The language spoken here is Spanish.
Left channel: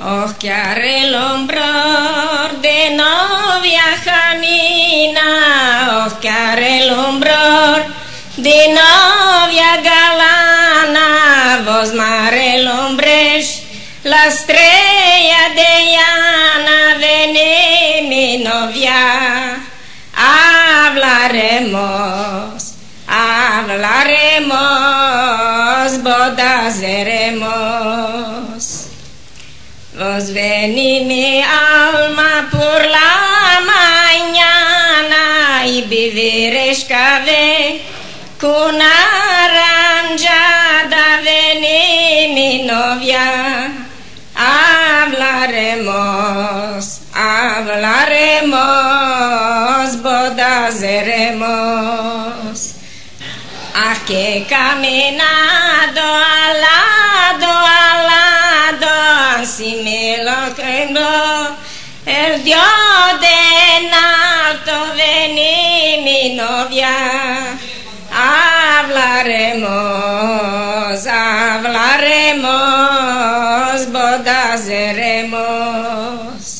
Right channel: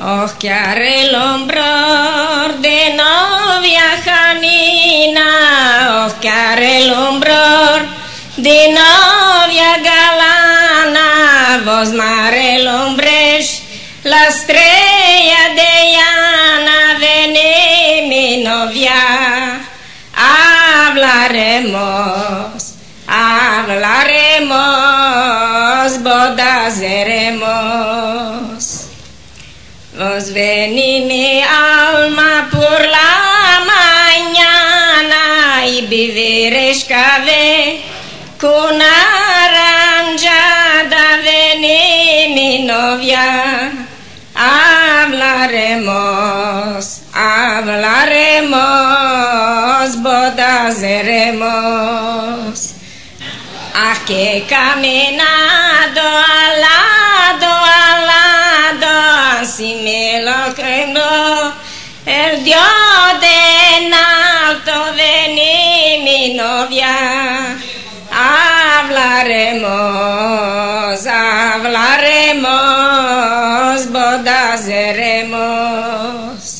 Oh, que haré el hombro de novia Janina, oh, que haré el hombro de novia galana, vos mare el hombre, la estrella de llana, vení mi novia, hablaremos, bodas haremos. Vos vení mi alma por la mañana y viviréis café con naranjada. Vení mi novia, hablaremos, bodas haremos. Aquí caminado al lado, así me lo creo el Dios de alto. Vení mi novia, hablaremos, bodas haremos.